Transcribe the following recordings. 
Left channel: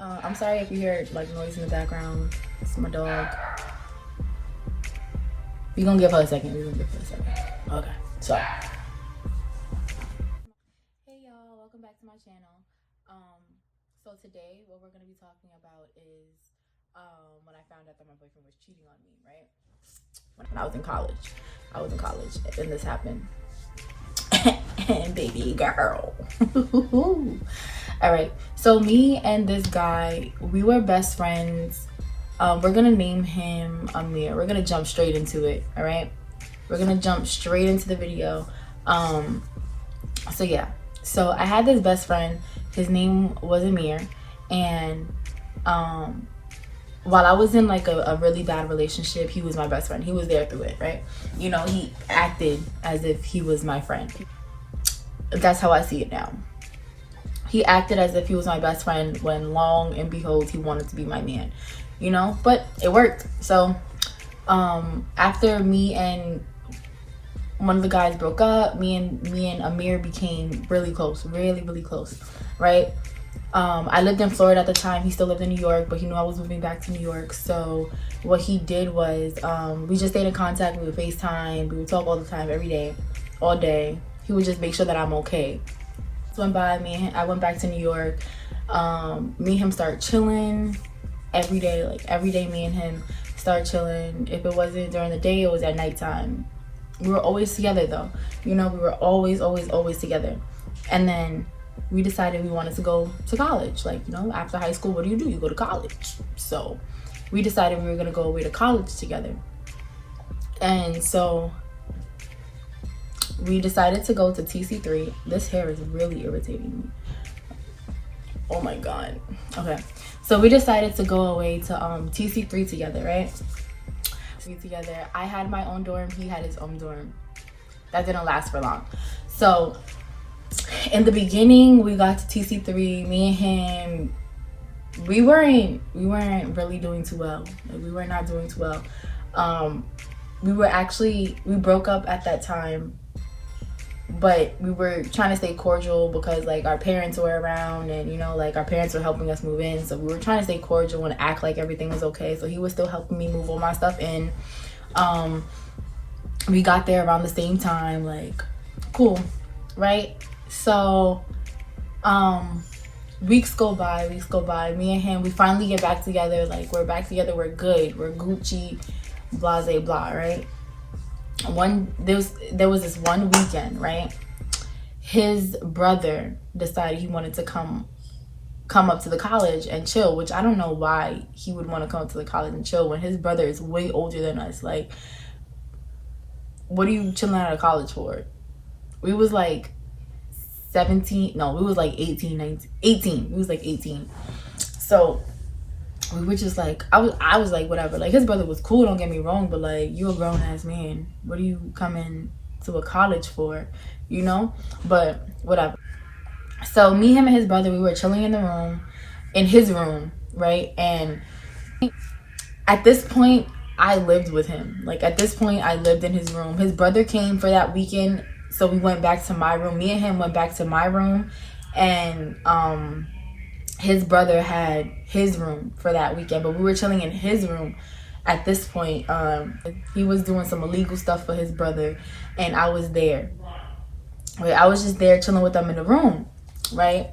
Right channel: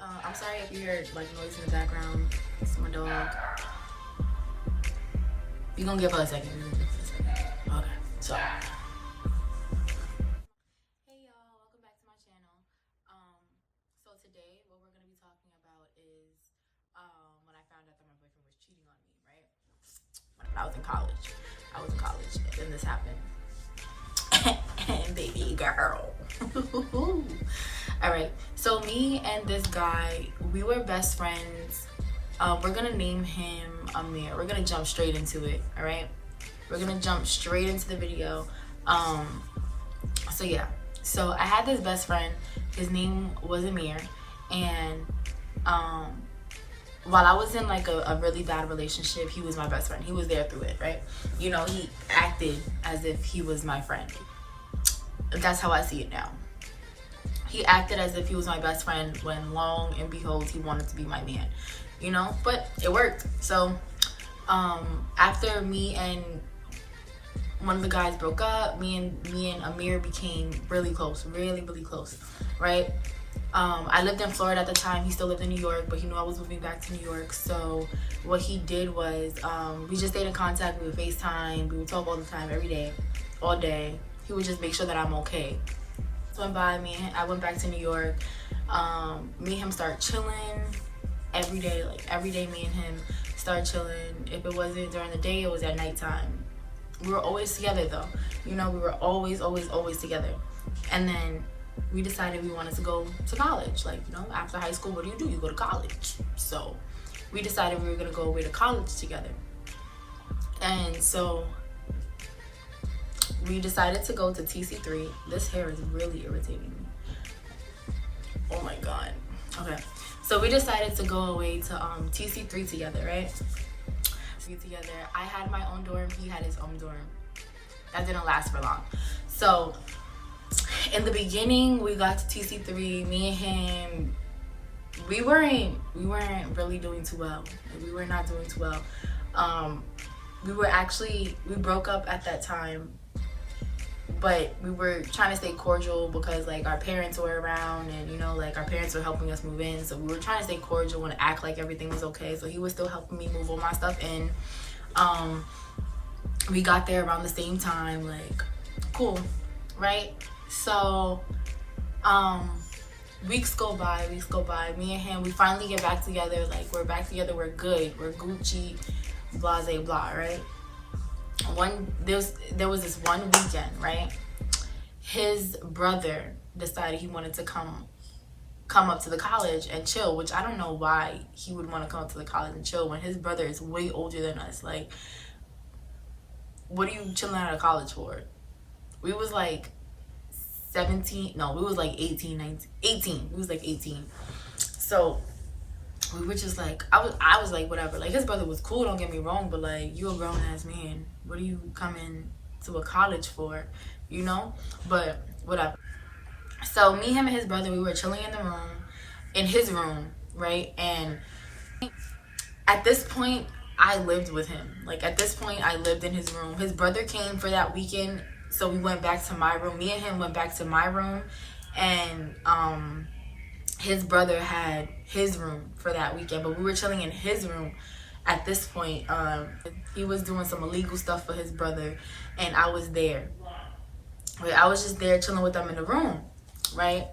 I'm sorry if you hear like noise in the background. It's my dog. We gonna give her a second. Okay, so. Hey y'all, welcome back to my channel. So today what we're gonna be talking about is when I found out that my boyfriend was cheating on me, right? When I was in college. And this happened. And baby girl. All right, so me and this guy, we were best friends. We're gonna name him Amir. We're gonna jump straight into it. All right, we're gonna jump straight into the video. So yeah, so I had this best friend. His name was Amir, and while I was in like a really bad relationship, he was my best friend. He was there through it, right? You know, he acted as if he was my friend. That's how I see it now. He acted as if he was my best friend when long and behold, he wanted to be my man, you know, but it worked. So after me and one of the guys broke up, me and Amir became really close, really close, right? I lived in Florida at the time. He still lived in New York, but he knew I was moving back to New York. So what he did was we just stayed in contact. We would FaceTime. We would talk all the time, every day, all day. He would just make sure that I'm okay. Went by, I went back to New York. Me and him start chilling every day. Like every day me and him start chilling. If it wasn't during the day, it was at nighttime. We were always together though. You know, we were always together. And then we decided we wanted to go to college. Like, you know, after high school, what do? You go to college. So we decided we were gonna go away to college together. And so we decided to go to TC3. This hair is really irritating me. Oh my God. Okay. So we decided to go away to TC3 together, right? Together. I had my own dorm. He had his own dorm. That didn't last for long. So in the beginning, we got to TC3. Me and him, we weren't really doing too well. Like, we were not doing too well. We broke up at that time. But we were trying to stay cordial because like our parents were around, and you know, like our parents were helping us move in, so we were trying to stay cordial and act like everything was okay. So he was still helping me move all my stuff in. We got there around the same time, like cool, right? So weeks go by, me and him, we finally get back together. Like we're back together, we're good, we're Gucci, blase blah, right? There was this one weekend, right? His brother decided he wanted to come up to the college and chill, which I don't know why he would want to come up to the college and chill when his brother is way older than us. Like, what are you chilling out of college for? We was like 17, no, we was like 18, 19, 18. We was like 18. So we were just like, I was like, whatever. Like, his brother was cool, don't get me wrong, but like, you're a grown ass man. What are you coming to a college for? You know? But whatever. So me, him, and his brother, we were chilling in his room, right? And at this point, I lived with him. Like, at this point, I lived in his room. His brother came for that weekend, so we went back to my room. Me and him went back to my room, and his brother had his room for that weekend, but we were chilling in his room at this point. He was doing some illegal stuff for his brother, and I was there. Right? I was just there chilling with them in the room, right?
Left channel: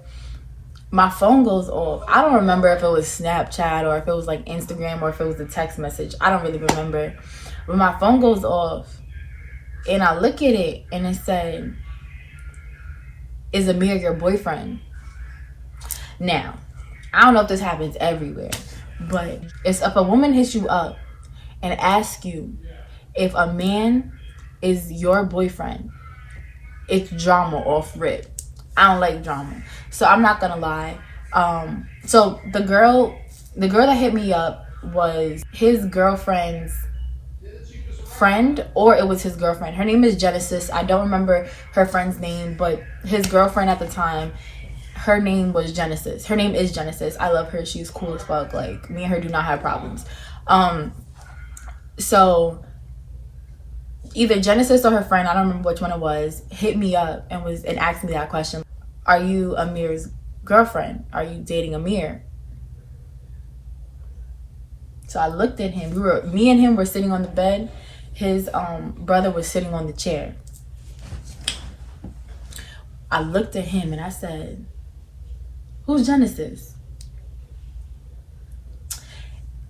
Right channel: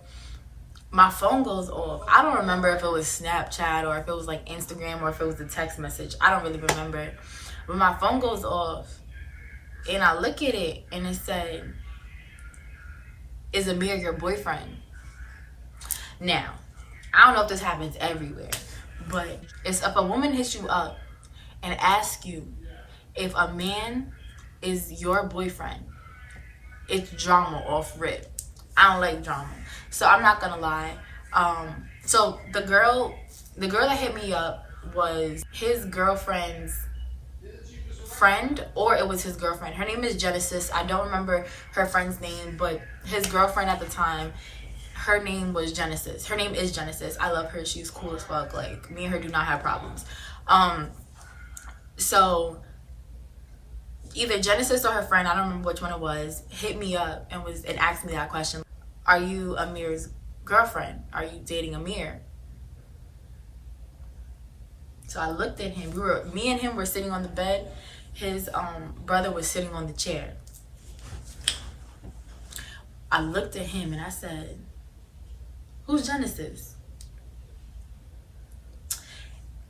My phone goes off. I don't remember if it was Snapchat or if it was like Instagram or if it was a text message. I don't really remember. But my phone goes off, and I look at it, and it said, "Is Amir your boyfriend?" Now, I don't know if this happens everywhere, but it's if a woman hits you up and asks you if a man is your boyfriend, it's drama off rip. I don't like drama, so I'm not gonna lie. So the girl that hit me up was his girlfriend's friend, or it was his girlfriend. Her name is Genesis. I don't remember her friend's name, but his girlfriend at the time, her name was Genesis. Her name is Genesis. I love her. She's cool as fuck. Like, me and her do not have problems. So either Genesis or her friend, I don't remember which one it was, hit me up and asked me that question. Are you Amir's girlfriend? Are you dating Amir? So I looked at him. Me and him were sitting on the bed. His brother was sitting on the chair. I looked at him and I said, "Who's Genesis?"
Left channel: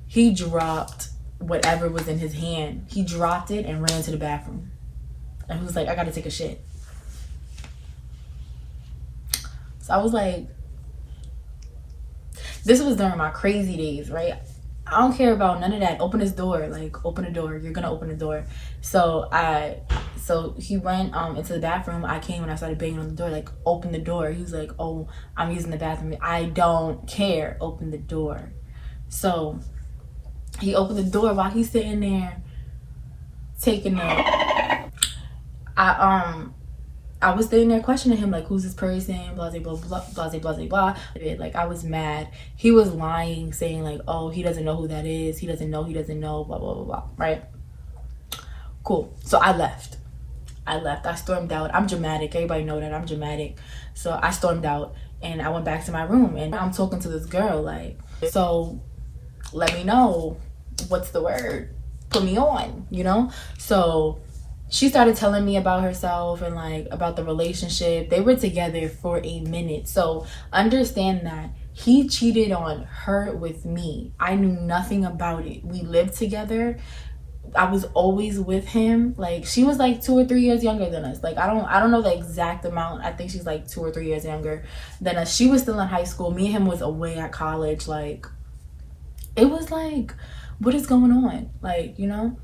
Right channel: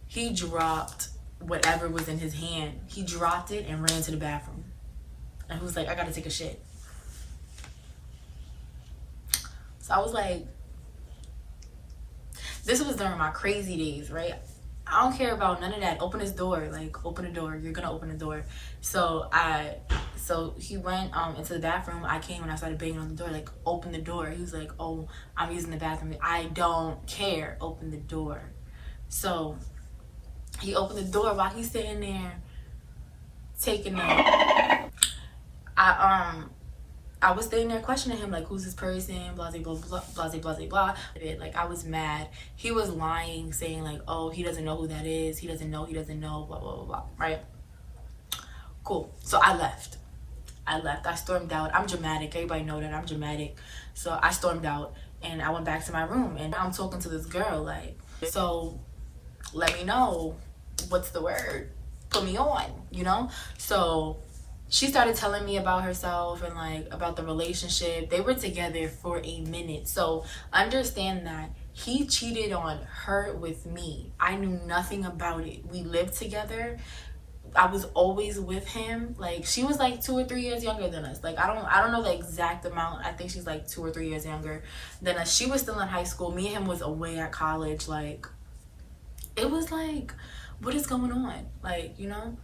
He dropped whatever was in his hand. He dropped it and ran to the bathroom. And he was like, "I gotta take a shit." So I was like, this was during my crazy days, right? I don't care about none of that. Open this door. Like, open the door. You're gonna open the door. So he went into the bathroom. I came and I started banging on the door, like, open the door. He was like, "Oh, I'm using the bathroom." I don't care. Open the door. So he opened the door while he's sitting there taking a I was sitting there questioning him, like, who's this person, blah, blah, blah, blah, blah, blah, blah. Like, I was mad. He was lying, saying, like, oh, he doesn't know who that is. He doesn't know, blah, blah, blah, blah, right? Cool. So I left. I stormed out. I'm dramatic. Everybody know that I'm dramatic. So I stormed out, and I went back to my room, and I'm talking to this girl, like, so let me know what's the word. Put me on, you know? So she started telling me about herself and, like, about the relationship. They were together for a minute. So understand that he cheated on her with me. I knew nothing about it. We lived together. I was always with him. Like, she was like 2 or 3 years younger than us. Like, I don't know the exact amount. I think she's like 2 or 3 years younger than us. She was still in high school. Me and him was away at college. Like, it was like, what is going on? Like, you know?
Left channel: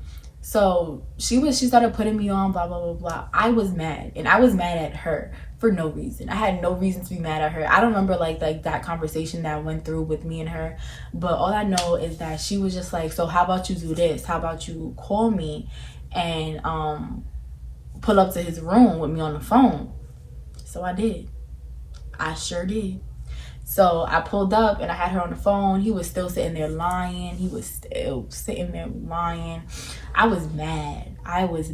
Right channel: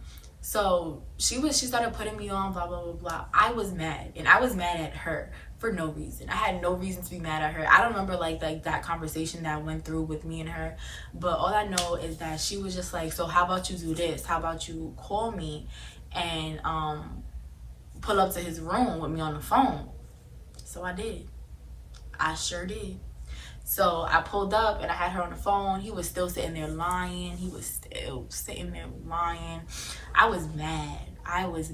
So she started putting me on, blah, blah, blah, blah. I was mad, and I was mad at her for no reason. I had no reason to be mad at her. I don't remember like that conversation that went through with me and her, but all I know is that she was just like, so how about you do this? How about you call me and pull up to his room with me on the phone? So I did. I sure did. So I pulled up and I had her on the phone. He was still sitting there lying. I was mad. I was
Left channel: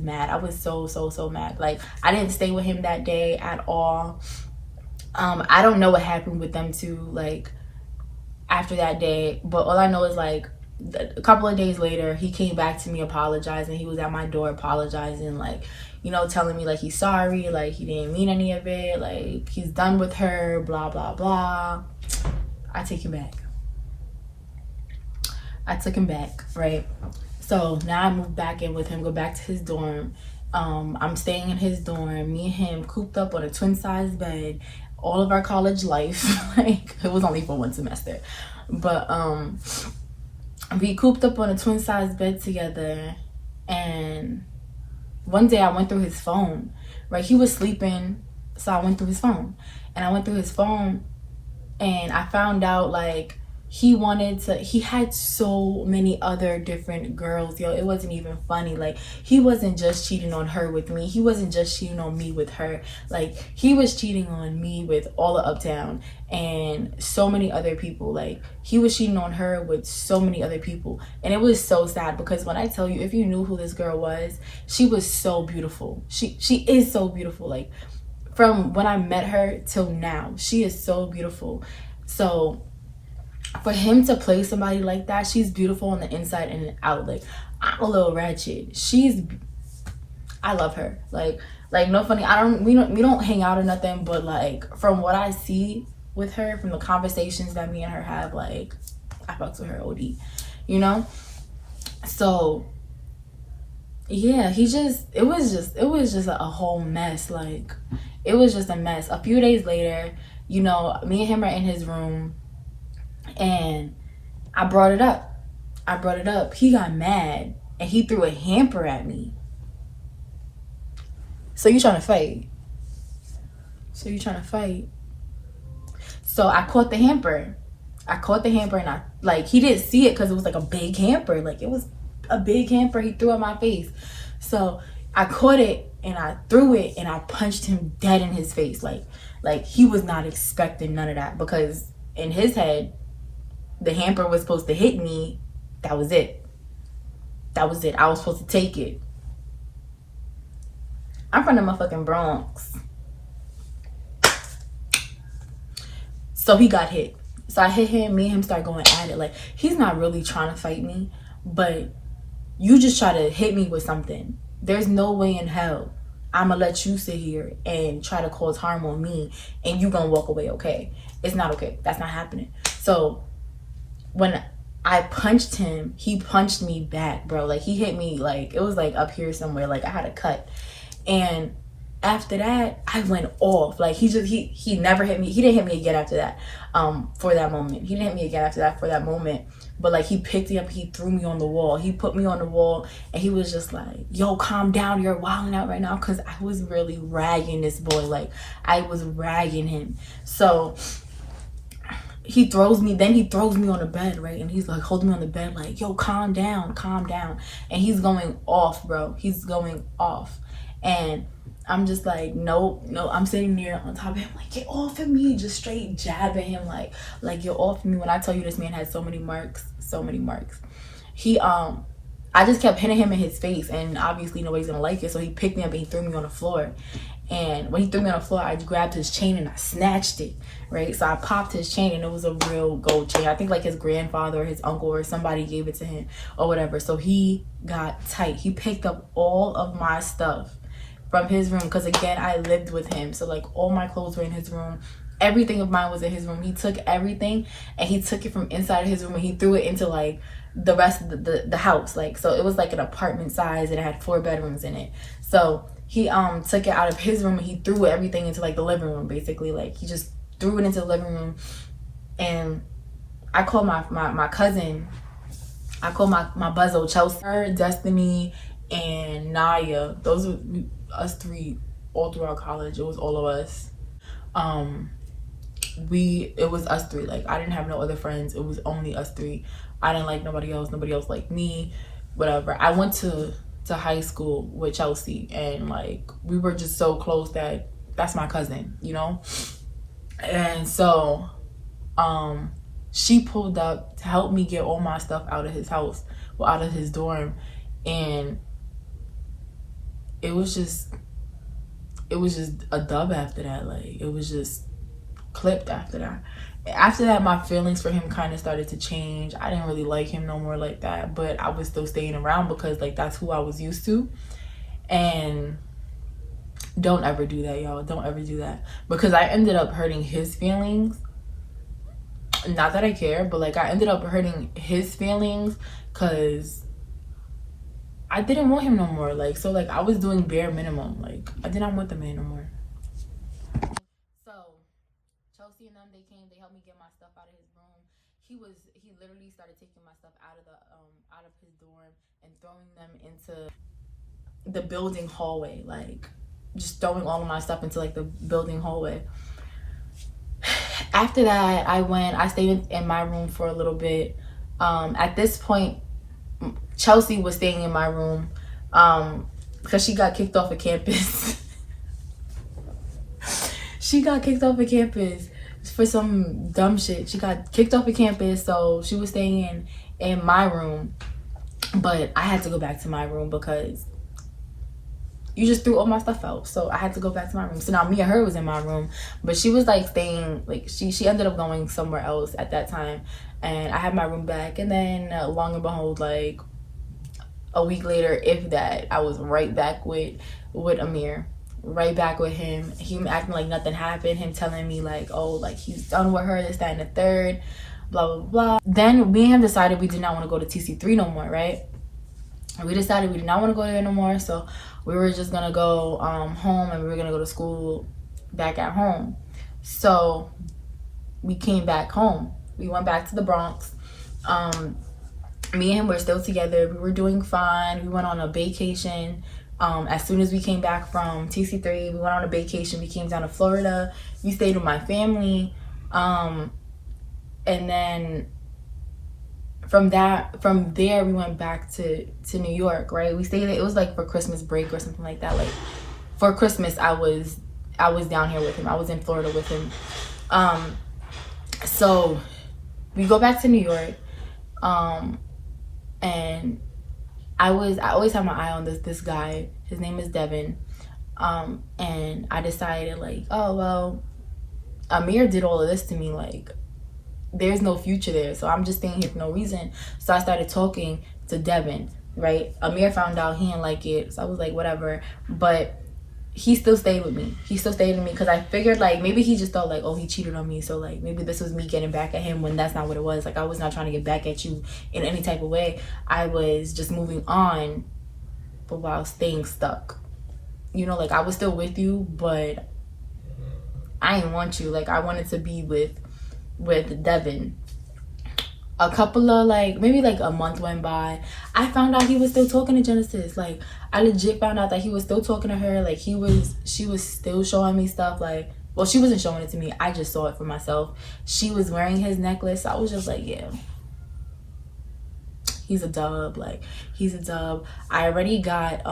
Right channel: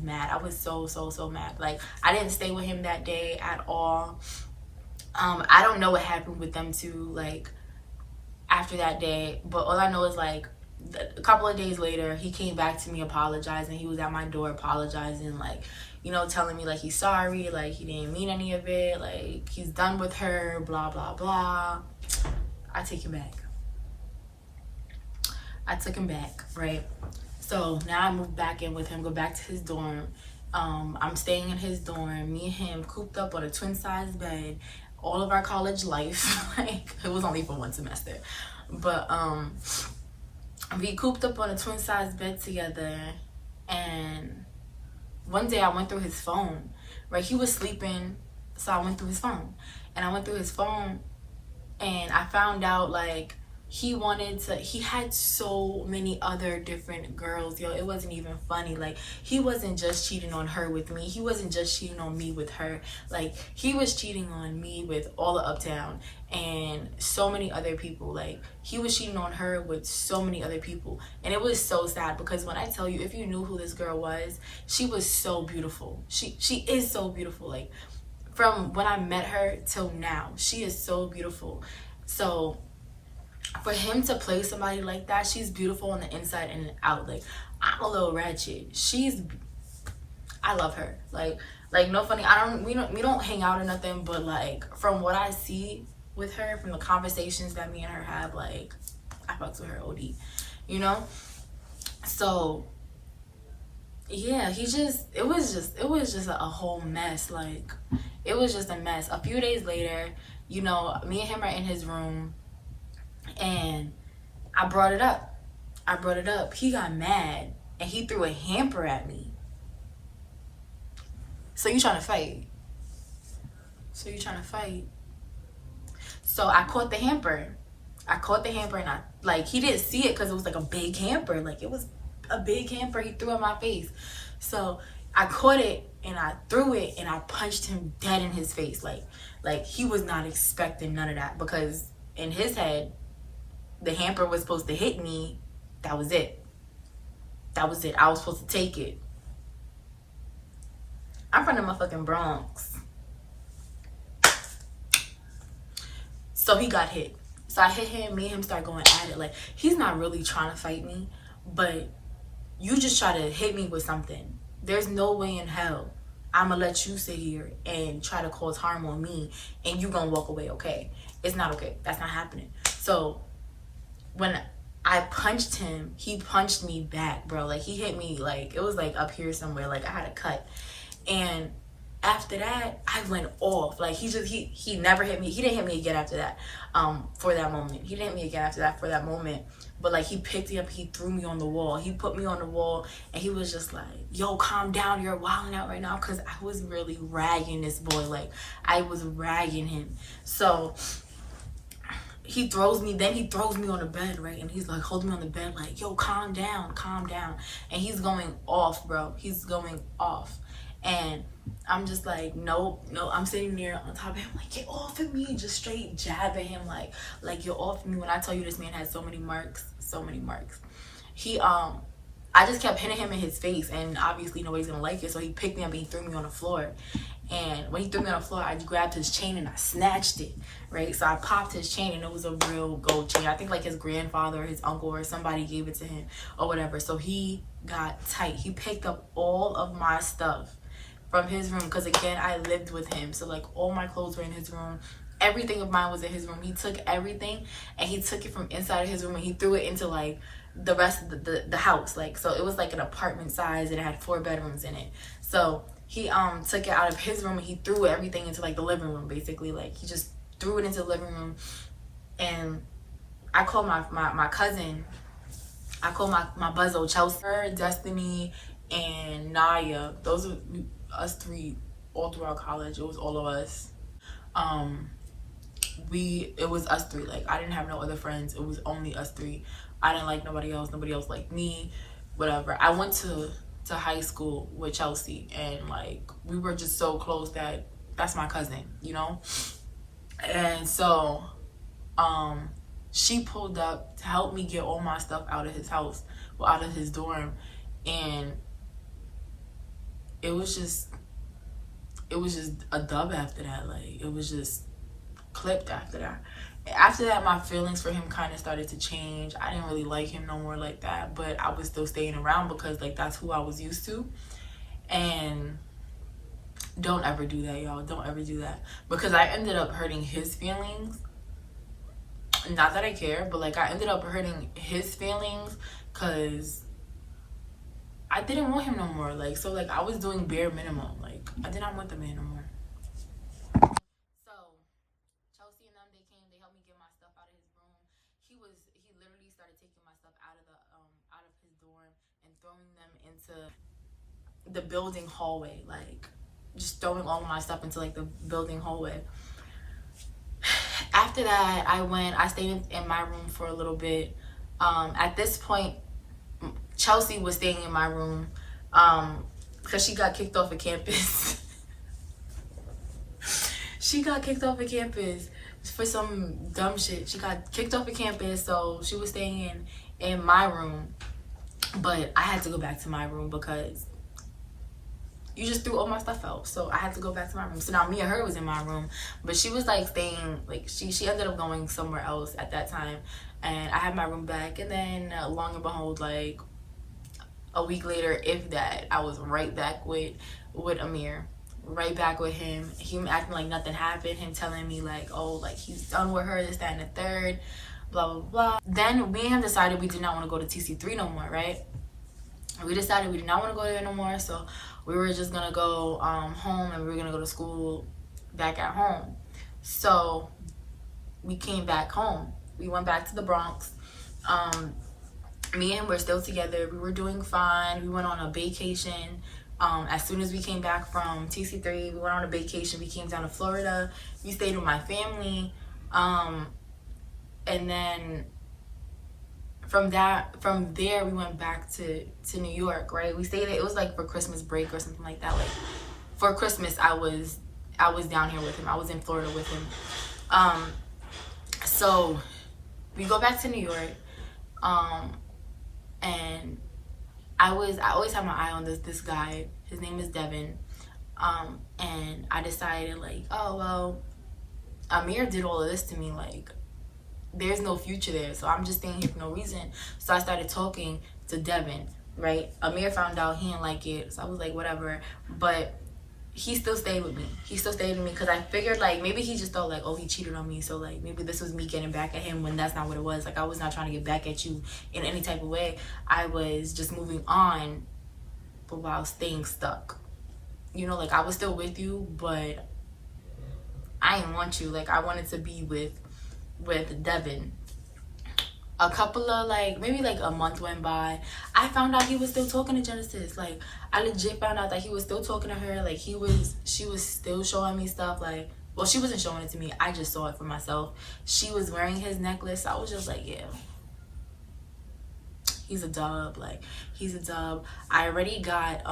so mad. Like, I didn't stay with him that day at all. I don't know what happened with them two, like, after that day. But all I know is, like, a couple of days later, he came back to me apologizing. He was at my door apologizing, like, you know, telling me, like, he's sorry, like, he didn't mean any of it, like, he's done with her, blah, blah, blah. I took him back, right? So now I moved back in with him, go back to his dorm. I'm staying in his dorm, me and him cooped up on a twin-size bed, all of our college life. Like, it was only for 1 semester, but we cooped up on a twin-size bed together. And one day I went through his phone, right? He was sleeping, so I went through his phone. And I found out, like, he had so many other different girls, yo. It wasn't even funny. Like, he wasn't just cheating on her with me. He wasn't just cheating on me with her. Like, he was cheating on me with all of Uptown and so many other people. Like, he was cheating on her with so many other people. And it was so sad, because when I tell you, if you knew who this girl was, she was so beautiful. She is so beautiful. Like, from when I met her till now, she is so beautiful. So for him to play somebody like that, she's beautiful on the inside and out. Like, I'm a little ratchet. I love her. Like no funny. We don't hang out or nothing, but, like, from what I see with her, from the conversations that me and her have, like, I fucks with her OD, you know? So yeah, it was just a whole mess. Like, it was just a mess. A few days later, you know, me and him are in his room, and I brought it up. He got mad, and he threw a hamper at me. So you trying to fight? So I caught the hamper. And he didn't see it because it was like a big hamper. Like, it was a big hamper he threw at my face. So I caught it and I threw it and I punched him dead in his face. Like he was not expecting none of that, because in his head, the hamper was supposed to hit me. That was it. I was supposed to take it. I'm from the motherfucking Bronx. So he got hit. So I hit him. Me and him started going at it. Like, he's not really trying to fight me, but you just try to hit me with something. There's no way in hell I'ma let you sit here and try to cause harm on me and you gonna walk away okay. It's not okay. That's not happening. So when I punched him, he punched me back, bro. Like, he hit me, like, it was like up here somewhere. Like, I had a cut. And after that, I went off. Like, he never hit me. He didn't hit me again after that, for that moment. He didn't hit me again after that for that moment. But, like, he picked me up, he threw me on the wall. He put me on the wall, and he was just like, yo, calm down. You're wilding out right now. Because I was really ragging this boy. Like, I was ragging him. So he throws me on the bed, right? And he's like holding me on the bed like, yo, calm down. And he's going off, bro. He's going off. And I'm just like, nope. I'm sitting there on top of him like, get off of me. Just straight jabbing him like get off of me. When I tell you this man had so many marks. He I just kept hitting him in his face, and obviously nobody's gonna like it. So he picked me up and he threw me on the floor. And when he threw me on the floor, I grabbed his chain and I snatched it, right? So I popped his chain, and it was a real gold chain. I think like his grandfather or his uncle or somebody gave it to him or whatever. So he got tight. He picked up all of my stuff from his room, because again, I lived with him. So like all my clothes were in his room. Everything of mine was in his room. He took everything and he took it from inside of his room and he threw it into like the rest of the house. Like, so it was like an apartment size and it had 4 bedrooms in it. So he took it out of his room and he threw everything into like the living room, basically. Like, he just threw it into the living room. And I called my cousin. I called my buzzo, Chelsea, her, Destiny, and Naya. Those were us 3 all throughout college. It was all of us. It was us 3. Like, I didn't have no other friends. It was only us 3. I didn't like nobody else liked me, whatever. I went to high school with Chelsea, and like, we were just so close that that's my cousin, you know. And so she pulled up to help me get all my stuff out of his house, well, out of his dorm. And it was just a dub after that. Like, it was just clipped after that. After that, my feelings for him kind of started to change. I didn't really like him no more like that, but I was still staying around because like that's who I was used to. And don't ever do that, y'all. Don't ever do that, because I ended up hurting his feelings. Not that I care, but like, I ended up hurting his feelings because I didn't want him no more. Like, so like, I was doing bare minimum. Like, I did not want the man no more. So Chelsea and them, they came, they helped me get my stuff out of his room. He literally started taking my stuff out of his dorm and throwing them into the building hallway. Like, just throwing all of my stuff into like the building hallway. After that, I stayed in my room for a little bit. At this point, Chelsea was staying in my room because she got kicked off of campus. She got kicked off of campus for some dumb shit. She got kicked off of campus, so she was staying in my room. But I had to go back to my room because you just threw all my stuff out. So I had to go back to my room. So now me and her was in my room, but she was like staying, like she ended up going somewhere else at that time. And I had my room back. And then long and behold, like a week later, if that, I was right back with Amir. Right back with him. Him acting like nothing happened. Him telling me like, oh, like he's done with her, this, that, and the third, blah, blah, blah. Then me and him decided we did not want to go to TC3 no more, right? We decided we did not want to go there no more. So we were just going to go home, and we were going to go to school back at home. So we came back home. We went back to the Bronx. Me and him were still together. We were doing fine. We went on a vacation. As soon as we came back from TC3, we went on a vacation. We came down to Florida. We stayed with my family. And then from there, we went back to New York, right? We stayed, it was like for Christmas break or something like that. Like for Christmas, I was down here with him. I was in Florida with him. So we go back to New York. And I always have my eye on this guy. His name is Devin. And I decided like, oh, well, Amir did all of this to me. Like, there's no future there. So I'm just staying here for no reason. So I started talking to Devin, right? Amir found out, he didn't like it, so I was like, whatever. But he still stayed with me. He still stayed with me because I figured like maybe he just thought like, oh, he cheated on me, so like maybe this was me getting back at him, when that's not what it was. Like, I was not trying to get back at you in any type of way. I was just moving on, but while staying stuck. You know, like I was still with you, but I didn't want you. Like, I wanted to be with Devin. A couple of like, maybe like a month went by. I found out he was still talking to Genesis. Like, I legit found out that he was still talking to her. Like, she was still showing me stuff. Like, well, she wasn't showing it to me. I just saw it for myself. She was wearing his necklace. I was just like, yeah, he's a dub. Like, he's a dub. I already got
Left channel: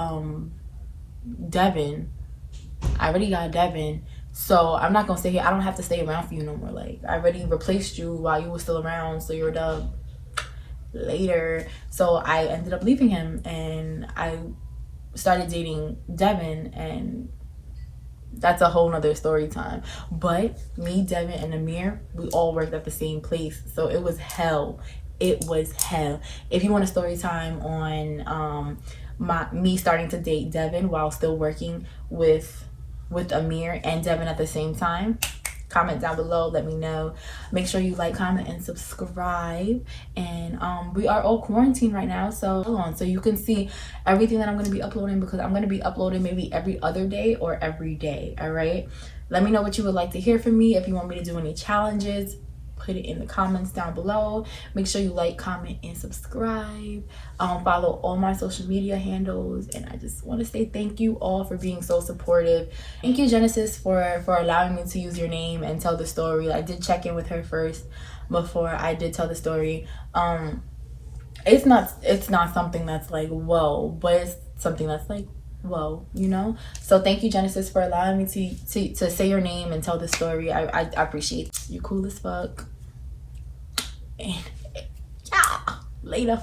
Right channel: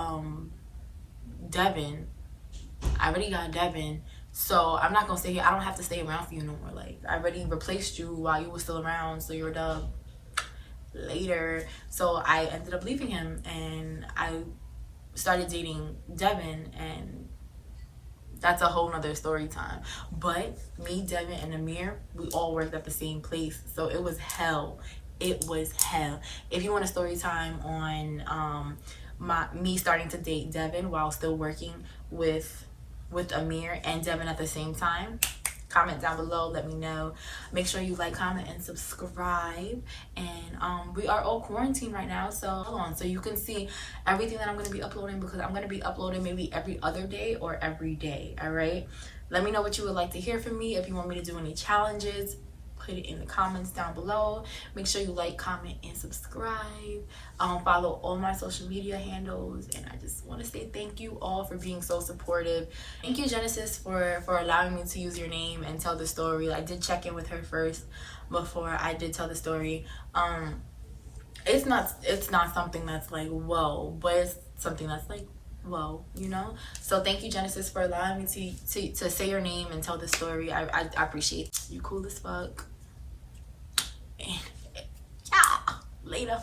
Devin. So I'm not gonna stay here. I don't have to stay around for you no more. Like, I already replaced you while you were still around, so you're a dub. Later. So I ended up leaving him and I started dating Devin, and that's a whole nother story time. But me, Devin, and Amir, we all worked at the same place, so it was hell. It was hell. If you want a story time on me starting to date Devin while still working with Amir and Devin at the same time, comment down below, let me know. Make sure you like, comment, and subscribe. And we are all quarantined right now, so hold on, so you can see everything that I'm going to be uploading, because I'm going to be uploading maybe every other day or every day. All right, let me know what you would like to hear from me. If you want me to do any challenges, put it in the comments down below. Make sure you like, comment, and subscribe. Follow all my social media handles, and I just want to say thank you all for being so supportive. Thank you, Genesis, for allowing me to use your name and tell the story. I did check in with her first before I did tell the story. It's not something that's like whoa, but it's something that's like whoa, you know. So thank you, Genesis, for allowing me to say your name and tell the story. I appreciate it. You cool as fuck. And yeah, later.